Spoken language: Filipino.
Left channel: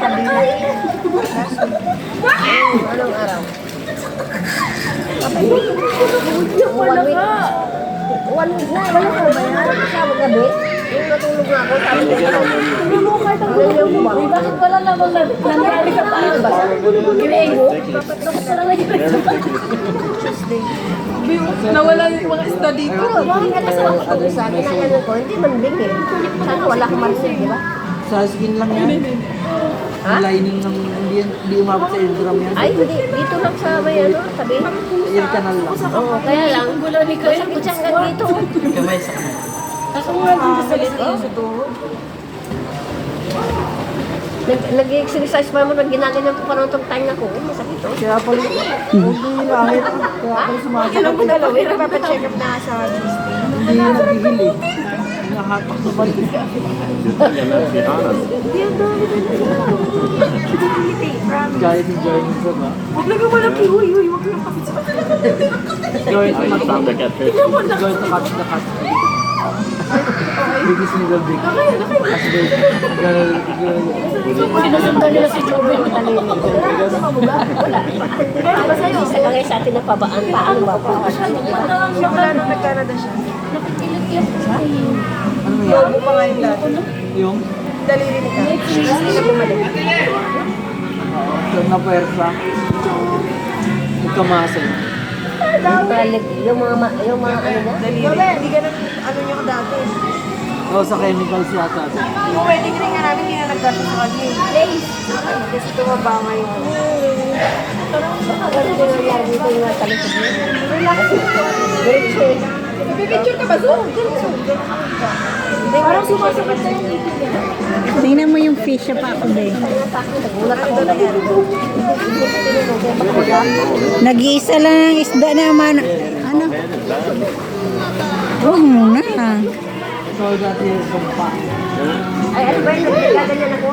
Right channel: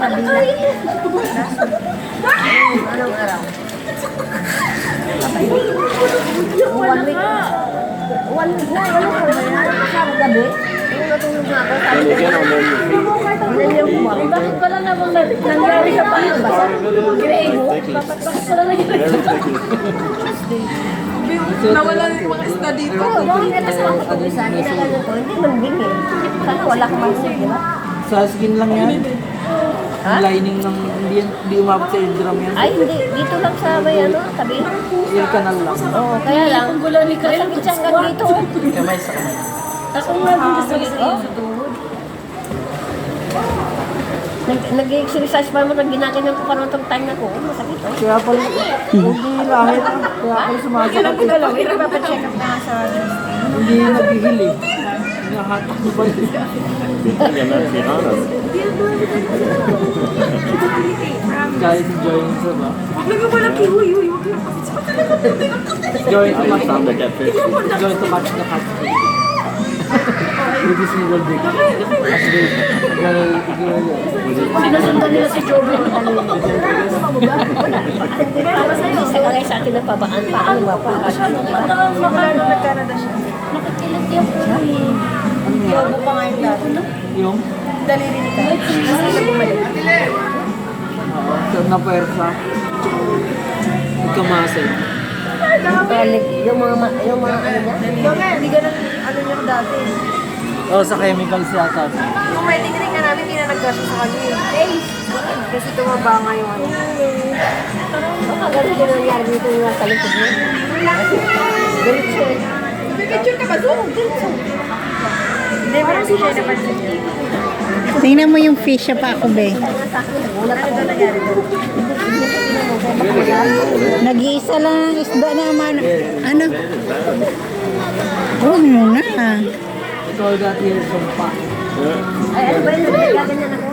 kabila. Anong araw? One week na. Ano ba yan? Sa gabi? Yung natulog na ako. Sabi ko, ilan yung buwan? Bakit wala namang nangyari ka pa? Ginaigo? Nawala na yung mga isda dito. Oo, bakit natakot ako doon sa akin? Ganun ko, hindi man bingin. Sana wala kang mansig, di ba? Sa skin lang yan. Ha? Lining lang, hindi umabot sa eardrum yan. Ay, hindi. Dito lang sa may ano, tabi. Ear canal lang. Oo, kaya lang. Masakit siya hanggang dito. Kamay sa kamay. Ako nga dito sa lisod. Nag-exercise pa mo, ginaganon ko parang itong time ako. Masakit to. Kaya pala, hindi langit. Kaya pala sumasakit. pinalawin, napapacheck up na sa Hindi naghihil eh. Nahatak na ba yun? Guys, enjoying sa ba? Huwag lang naman ang kiwi. Huwag lang kapit sa Going to match the catfish. Going to match the catfish. With this single dick. As girl. Sinusundan nila si Joven. Isa ka guys sa atin na pabaan. Paano ba? Wala na nagkarada siya. Nakikilig yan po eh. Yobo pa nga yung laban. Yung? Daliri ni ka. Yung na puwersa. Magkamasin. Yung mga ano na. Hindi ganun ano niya ko dati. O sa chemicals yata. Kung wedding ring nga namin, hindi na nagkasya sa kanya. Kasi tumaba nga yung ano. Baka ganun din nangyari dito yung natalikod mo. Virtual. Pipicture ka ba doon? Hindi, parang si siya naman. Tingnan mo yung fish pa ako, be. Nagulat ako nangyari doon. Nag-iisa lang ang isda naman. Ano? Huwag muna. Ikaw dati yung sumpa. Ay, ano ba yun? Nagkaganyan ako.